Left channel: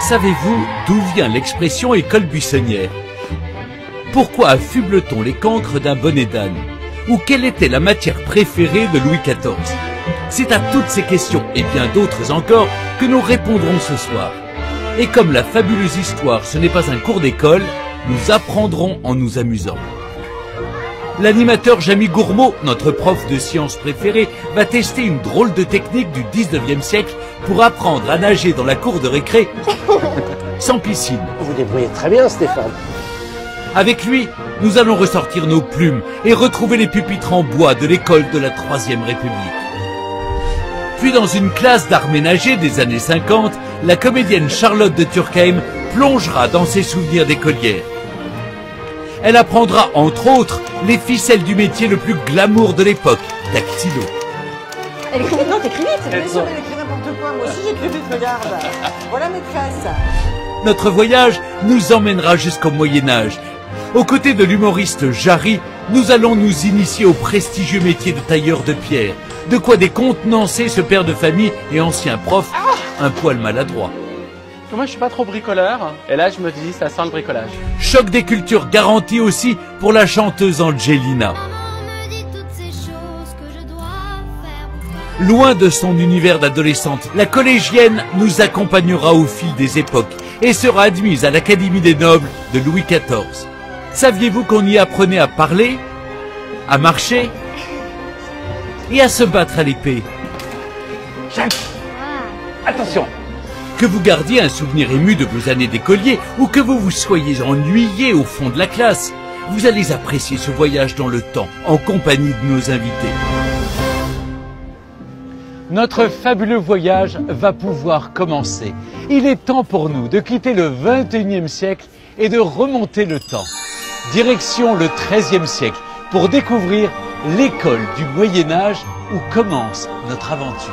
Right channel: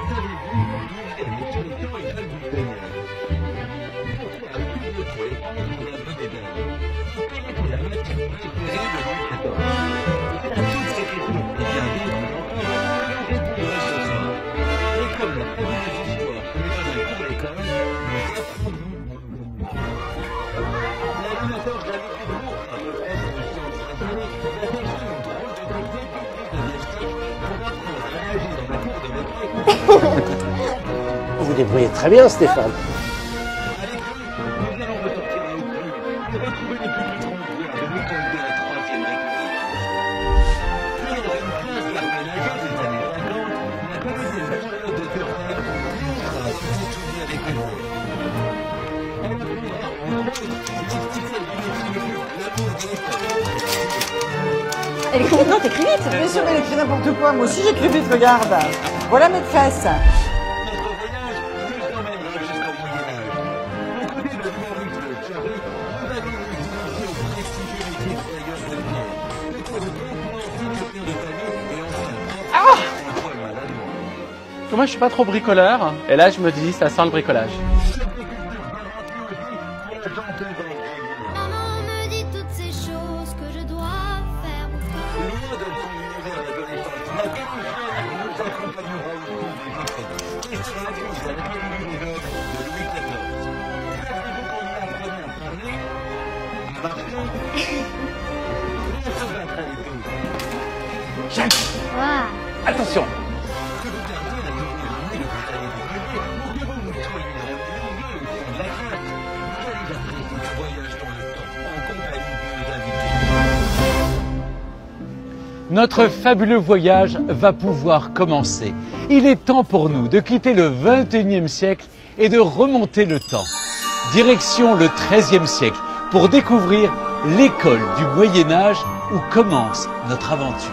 Savez-vous d'où vient l'expression école buissonnière? Pourquoi affuble-t-on les cancres d'un bonnet d'âne? Ou quelle était la matière préférée de Louis XIV? C'est à toutes ces questions, et bien d'autres encore, que nous répondrons ce soir. Et comme la fabuleuse histoire, ce n'est pas un cours d'école, nous apprendrons en nous amusant. L'animateur Jamie Gourmaud, notre prof de sciences préféré, va tester une drôle de technique du 19e siècle pour apprendre à nager dans la cour de récré sans piscine. Vous vous débrouillez très bien, Stéphane. Avec lui, nous allons ressortir nos plumes et retrouver les pupitres en bois de l'école de la Troisième République. Puis dans une classe d'art ménager des années 50, la comédienne Charlotte de Turckheim plongera dans ses souvenirs d'écolière. Elle apprendra, entre autres, les ficelles du métier le plus glamour de l'époque, dactylo. Elle écrit vite, non, t'écris vite. Bien sûr, elle écrit n'importe quoi. Moi aussi, j'écris vite, regarde. Voilà maîtresse. Notre voyage nous emmènera jusqu'au Moyen-Âge. Aux côtés de l'humoriste Jarry, nous allons nous initier au prestigieux métier de tailleur de pierre. De quoi décontenancer ce père de famille et ancien prof, un poil maladroit. Moi, je suis pas trop bricoleur. Et là, je me dis, ça sent le bricolage. Choc des cultures garanti aussi pour la chanteuse Angelina. Loin de son univers d'adolescente, la collégienne nous accompagnera au fil des époques et sera admise à l'Académie des Nobles de Louis XIV. Saviez-vous qu'on y apprenait à parler, à marcher et à se battre à l'épée? Attention! Que vous gardiez un souvenir ému de vos années d'écolier ou que vous vous soyez ennuyé au fond de la classe, vous allez apprécier ce voyage dans le temps en compagnie de nos invités. Notre fabuleux voyage va pouvoir commencer. Il est temps pour nous de quitter le 21e siècle et de remonter le temps. Direction le 13e siècle pour découvrir l'école du Moyen-Âge où commence notre aventure.